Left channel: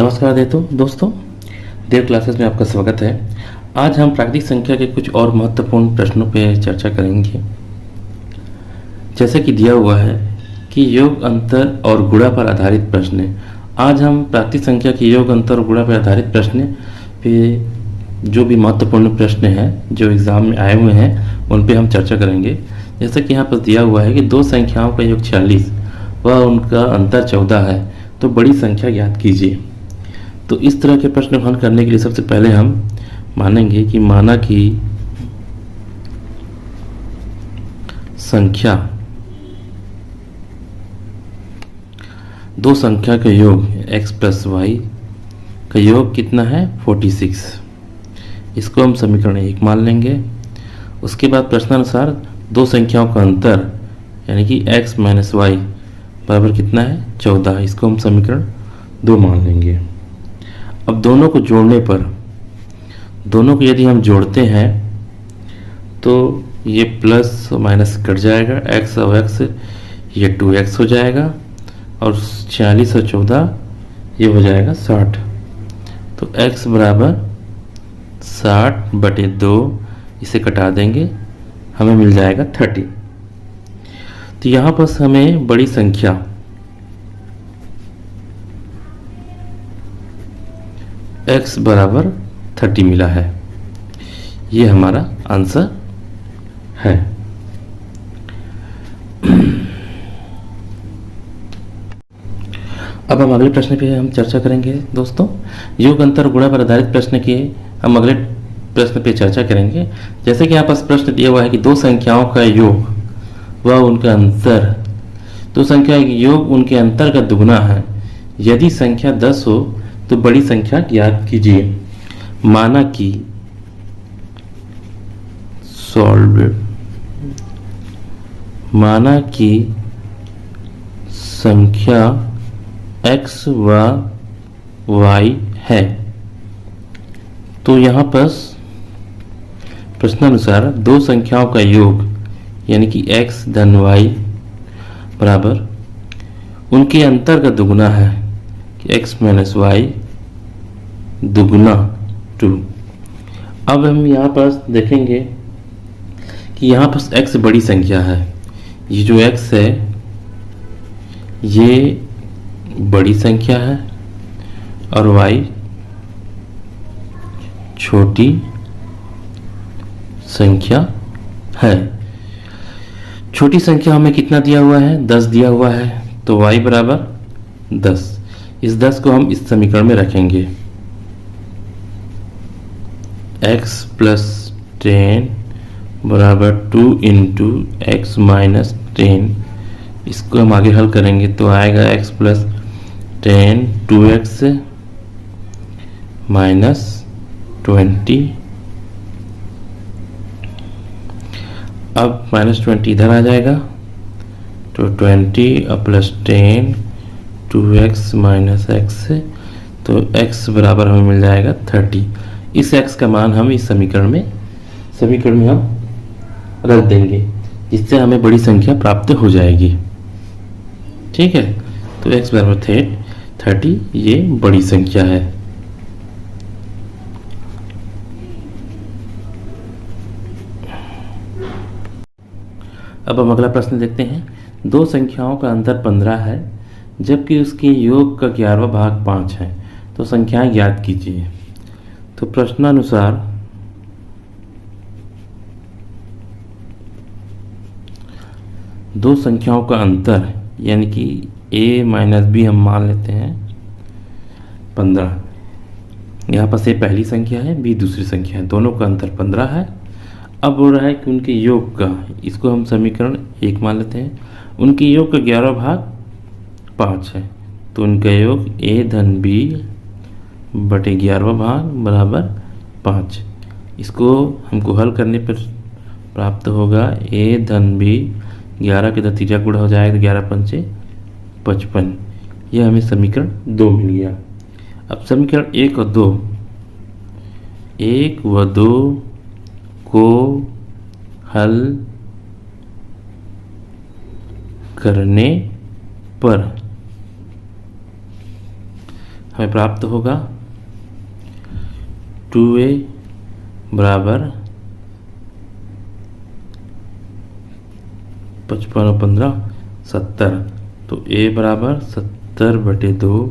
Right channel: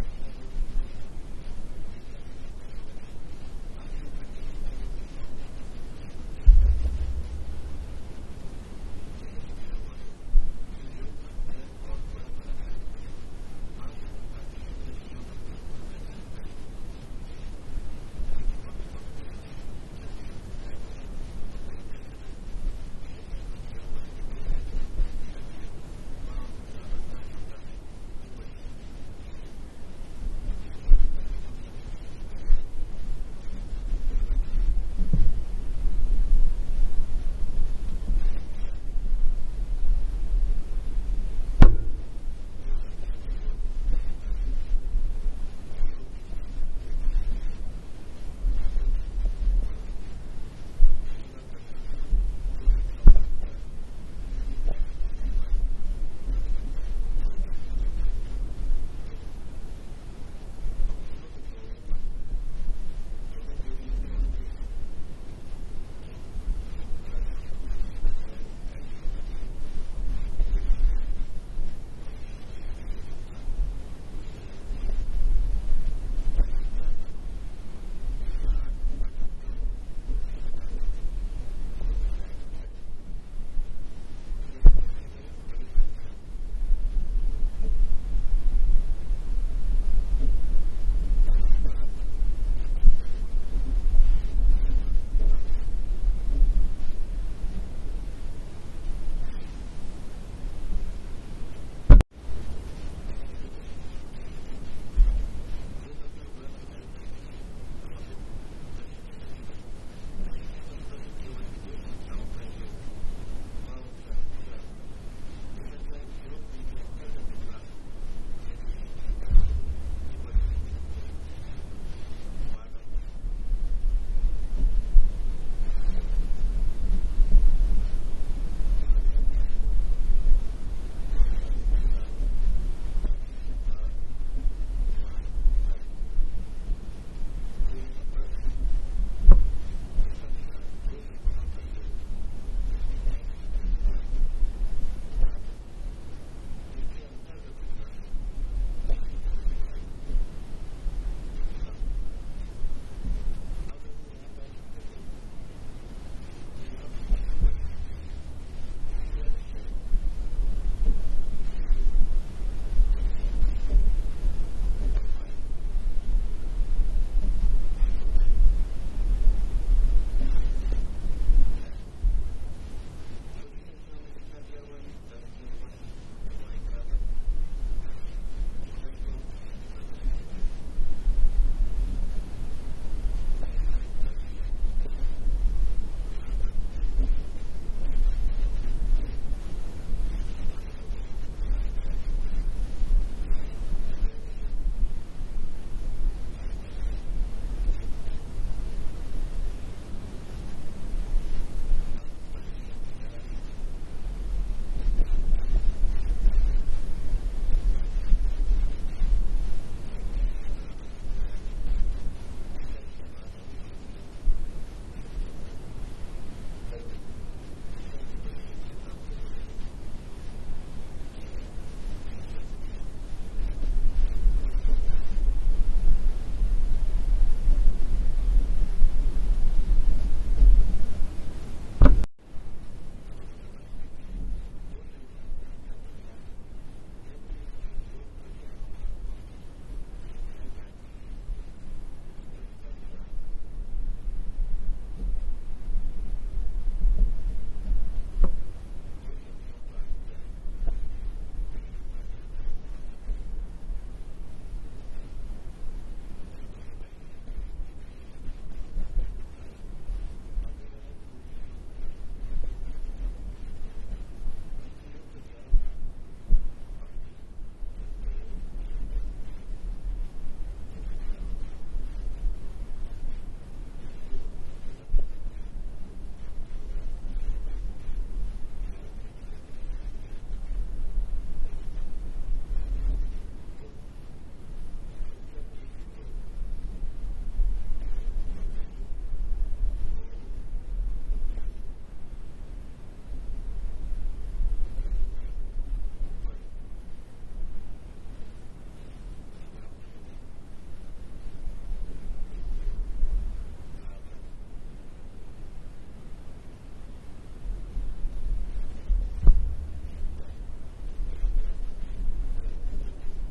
नमस्कार दोस्तों, देव क्लासेस में आपका स्वागत है। आज हम प्राकृतिक संख्या के कुछ और महत्वपूर्ण प्रश्नों पर चर्चा करेंगे। जैसे कि दिया हुआ है कि योग अंतर और गुणा पर आधारित प्रश्न है। आज हम प्राकृतिक संख्या के योग अंतर और गुणा पर आधारित प्रश्न पे जो भी महत्वपूर्ण प्रश्न हैं जो एग्ज़ाम में आए हुए हैं उन पे हम चर्चा करेंगे। जैसे कि यहाँ पर दिया हुआ है कि दो संख्याओं का योग 46 व उनका अंतर 14 है, तो बड़ी संख्या ज्ञात कीजिए। तो इस तरह के प्रश्न हल करने के लिए सबसे पहले हम मानेंगे कि माना कि संख्या दो संख्या का योग x प्लस वाई का योग कितना है 46। इसको हम समीकरण 1 मान लेंगे। उसके बाद प्रश्नानुसार दो संख्याओं का अंतर यानी कि x माइनस वाई बराबर कितना है 14। इसको हम समीकरण 2 मान लेंगे। अब दोनों को जोड़ने पर दोनों को यदि हम जोड़ते हैं तो ये प्लस माइनस कट जाएगा, x और x ये 2x हो जाएगा और 46 और 14 ये हो जाएगा 60। तो x बराबर 60/2, इसे कटा देंगे, हमें मिल जाएगा 30। तो यहाँ पर हमें बड़ी संख्या x बराबर 30 मिला है। ये हमारा आंसर है। अब हम अगले प्रश्न पे हम चर्चा करेंगे दोस्तों। योग अंतर गुणा पर आधारित प्रश्न के हम अगले प्रश्न पे चर्चा करेंगे। जैसे कि यहाँ पास प्रश्न दिया हुआ है कि दो संख्याओं का योग व उनका अंतर, दो संख्या का योग उनके अंतर का दुगना है। यदि संख्या 10 हो तो बड़ी संख्या ज्ञात कीजिए। माना कि संख्या x व y है, तो यहाँ पर प्रश्नानुसार दो संख्याओं का योग यानी कि x धन y बराबर उनके अंतर का दुगुना है कि x माइनस वाई दुगुना 2। अब हम यहाँ पर देखेंगे कि यहाँ पर x बड़ी संख्या है। ये जो x है ये बड़ी संख्या है और y छोटी संख्या है। छोटी संख्या हमें कितना दिया हुआ है 10 दिया हुआ है, तो y बराबर 10। इस 10 को हम इस समीकरण में रखेंगे। x प्लस 10 बराबर 2 इंटू एक्स माइनस 10। इसको हम आगे हल करेंगे तो आएगा x प्लस 10 2x माइनस 20। अब माइनस 20 इधर आ जाएगा तो 20 और प्लस 10 2x माइनस x, तो x बराबर हमें मिल जाएगा 30। इस x का मान हम इस समीकरण में हम रख देंगे, जिससे हमें बड़ी संख्या प्राप्त हो जाएगी। ठीक है, तो x बराबर 30, ये बड़ी संख्या है। अब हम अगला प्रश्न देखते हैं। दो संख्याओं का अंतर 15 है जबकि उसके योग का 11वां भाग 5 है, तो संख्याएं ज्ञात कीजिए। तो प्रश्नानुसार दो संख्याओं का अंतर यानी कि a माइनस बी हम मान लेते हैं 15। यहाँ पर a पहली संख्या है, b दूसरी संख्या है, दोनों का अंतर 15 है। अब हो रहा है कि उनके योग का, इसको हम समीकरण 1 मान लेते हैं। उनके योग का 11वां भाग 5 है, तो उनका योग a धन b बटे 11वां भाग बराबर 5। इसको हमको हल करने पर प्राप्त होगा a धन b, 11 के 3 गुणा हो जाएगा तो 11 पंचे 55। यह हमें समीकरण 2 मिल गया। अब समीकरण 1 व 2 को हल करने पर हमें प्राप्त होगा 2a बराबर 55 और 15 70। तो a बराबर 70/2,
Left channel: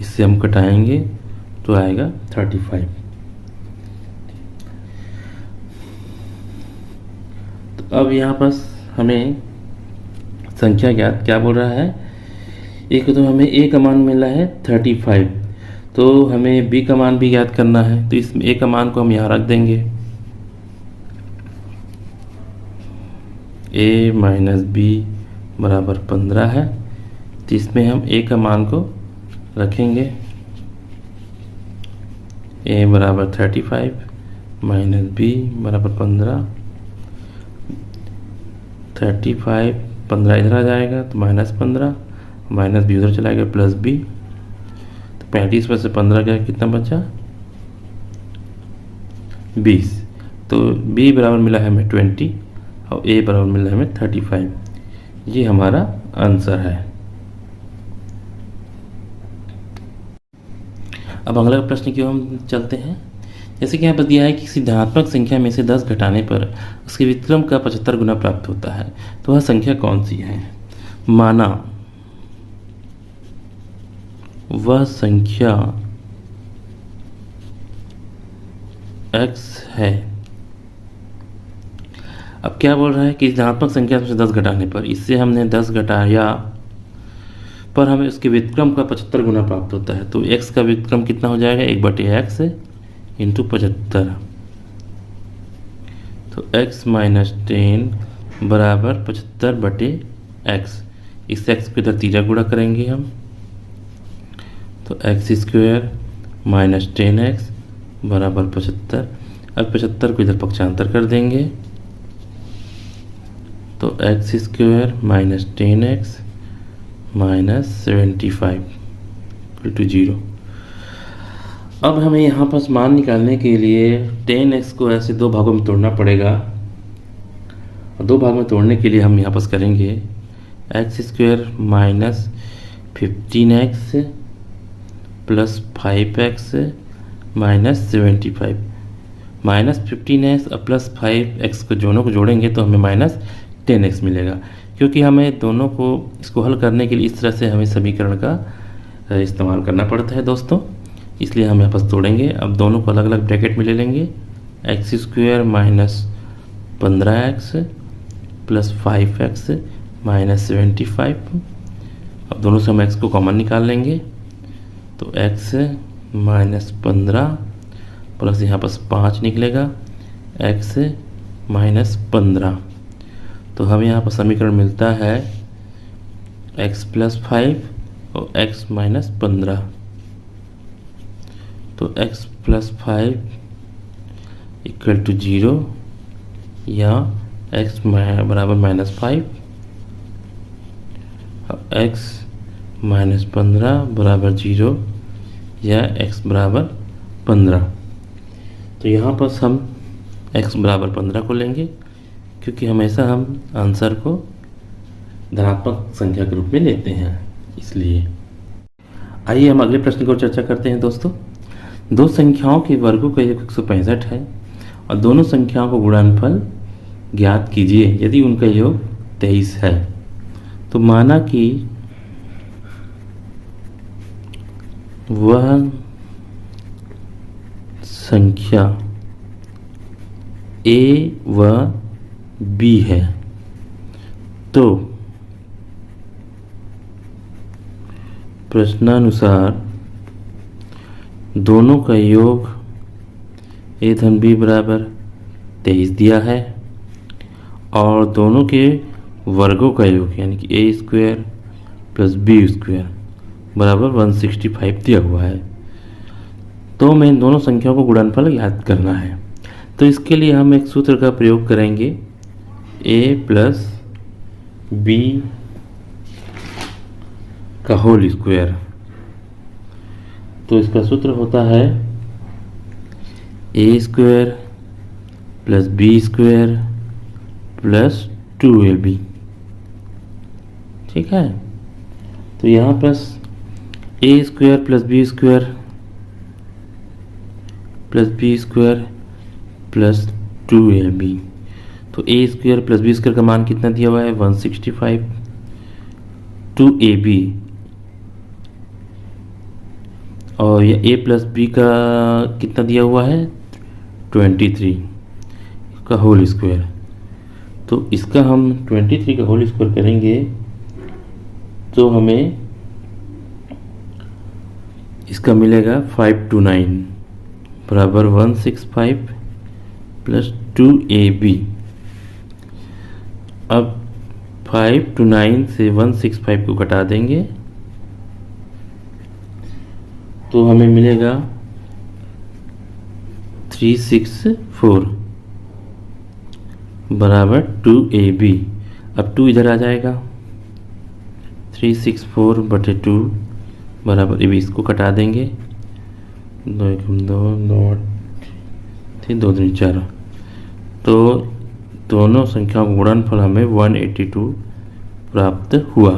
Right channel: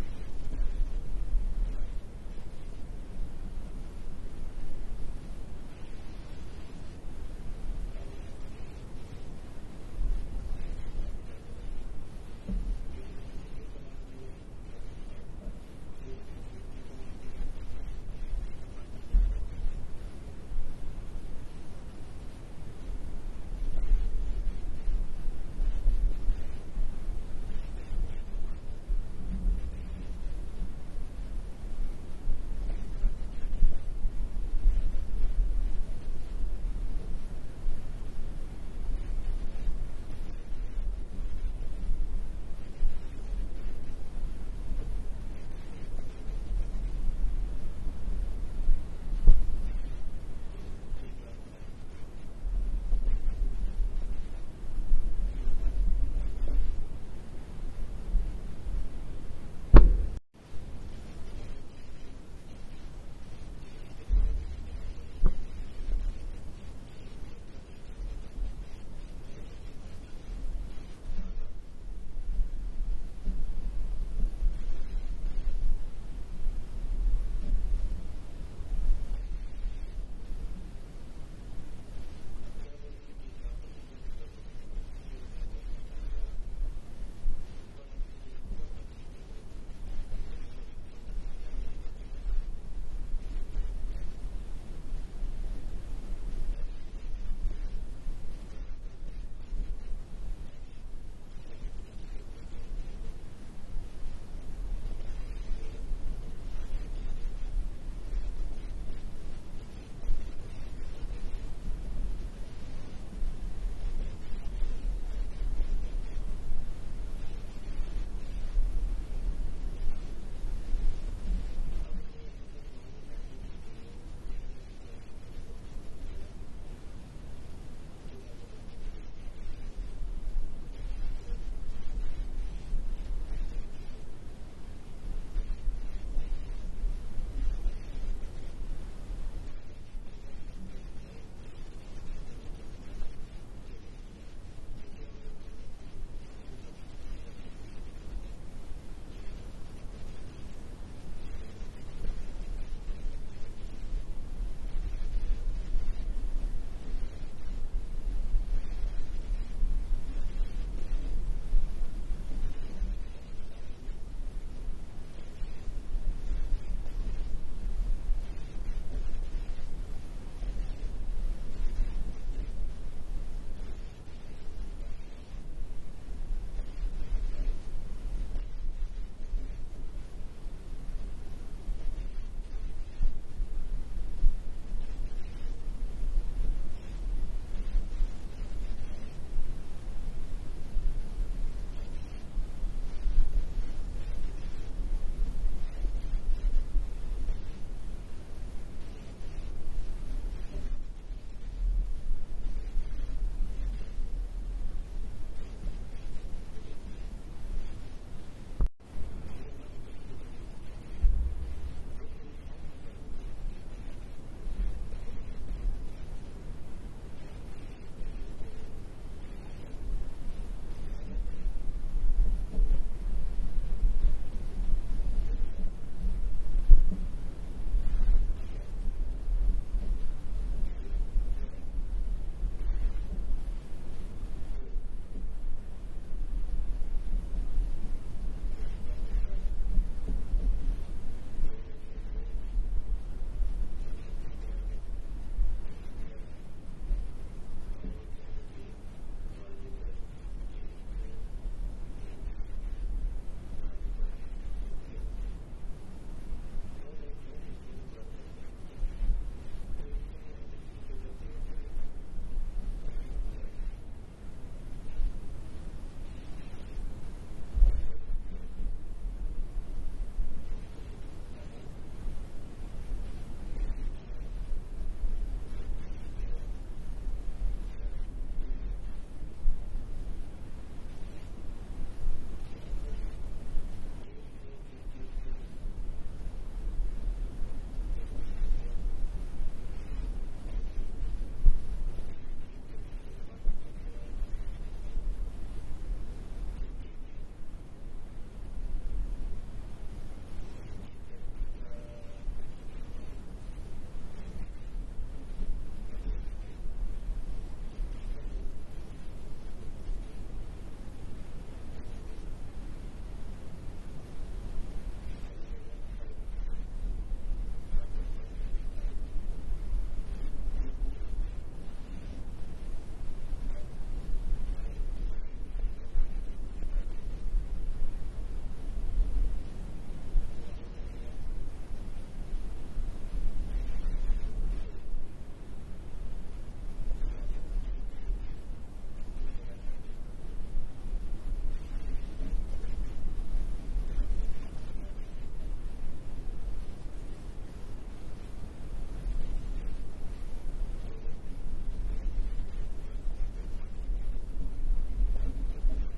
इससे हम कटाएंगे तो आएगा 35। तो अब यहाँ पर हमें संख्या ज्ञात क्या बोल रहा है, एक तो हमें a का मान मिला है 35, तो हमें b का मान भी ज्ञात करना है। तो इस a का मान को हम यहाँ रख देंगे, a माइनस b बराबर 15 है। तो इसमें हम a का मान को रखेंगे, a बराबर 35 माइनस b बराबर 15। 35 15 इधर आ जाएगा तो -15, माइनस b उधर चला गया प्लस b। तो 35 में से 15 गया, कितना बचा 20। तो b बराबर मिला है हमें 20 और a बराबर मिला है हमें 35। ये हमारा आंसर है। अब अगला प्रश्न की ओर हम चलते हैं। जैसे कि यहाँ पर दिया है कि सिद्धांतमक संख्या में से 10 घटाने पर उसके व्युत्क्रम का 75 गुना प्राप्त होता है, तो वह संख्या कौन सी है। माना वह संख्या x है। अब क्या बोल रहा है कि धनात्मक संख्या से 10 घटाने पर, इससे हमने 10 घटाया पर हमें उसके व्युत्क्रम का 75 गुना प्राप्त होता है। तो x का व्युत्क्रम कितना हो जाएगा, 1/x इंटू 75। तो x माइनस 10 बराबर 75/x। इस x को इधर तीजा गुणा करेंगे हम, तो x² माइनस 10x बराबर 75। अब 75 को इधर पक्षांतर कर देंगे, तो x² minus 10x minus 75 to 0। अब हमें यहाँ पर मान निकालने के लिए 10x को ऐसे दो भागों में तोड़ना पड़ेगा। और दो भागों में तोड़ने के लिए हम यहाँ पर करेंगे x² minus 15x plus 5x minus 75। Minus 15x और प्लस 5x को दोनों को जोड़ेंगे तो हमें माइनस 10x मिलेगा, क्योंकि हमें दोनों को इसको हल करने के लिए इस तरह से हमें समीकरण का इस्तेमाल करना पड़ता है दोस्तों, इसलिए हम यहाँ पर तोड़ेंगे। अब दोनों को अलग अलग ब्रैकेट में ले लेंगे, x² minus 15x plus 5x minus 75। अब दोनों से हम x को कॉमन निकाल लेंगे, तो x माइनस 15 प्लस यहाँ पर 5 निकलेगा x माइनस 15। तो हमें यहाँ पर समीकरण मिलता है x प्लस 5 और x माइनस 15। तो x प्लस 5 इक्वल टू 0 या x बराबर -5 और x माइनस 15 बराबर 0 या x बराबर 15। तो यहाँ पर हम x बराबर 15 को लेंगे, क्योंकि हमेशा हम आंसर को धनात्मक संख्या के रूप में लेते हैं, इसलिए। आइए हम अगले प्रश्न को चर्चा करते हैं दोस्तों। दो संख्याओं के वर्गों का योग 165 है और दोनों संख्याओं को गुणनफल ज्ञात कीजिए यदि उनका योग 23 है। तो माना कि वह संख्या a व b है, तो प्रश्नानुसार दोनों का योग a धन b बराबर 23 दिया है और दोनों के वर्गों का योग यानी कि a² प्लस b² बराबर 165 दिया हुआ है। तो मैं इन दोनों संख्याओं को गुणनफल ज्ञात करना है। तो इसके लिए हम एक सूत्र का प्रयोग करेंगे, a प्लस b का होल स्क्वायर। तो इसका सूत्र होता है a² plus b² plus 2ab। ठीक है, तो यहाँ पर A square plus B square plus B square plus 2ab। तो A square plus B square का मान कितना दिया हुआ है 165। 2ab और ये ए प्लस बी का कितना दिया हुआ है 23 का होल स्क्वायर। तो इसका हम 23 का होल स्क्वायर करेंगे तो हमें इसका मिलेगा 529 बराबर 165 प्लस 2ab। अब 529 से 165 को घटा देंगे तो हमें मिलेगा 364 बराबर 2ab। अब 2 इधर आ जाएगा 364/2 बराबर ab। इसको कटा देंगे 2 1 2 2 3 2 3 4। तो दोनों संख्याओं का गुणनफल हमें 182 प्राप्त हुआ।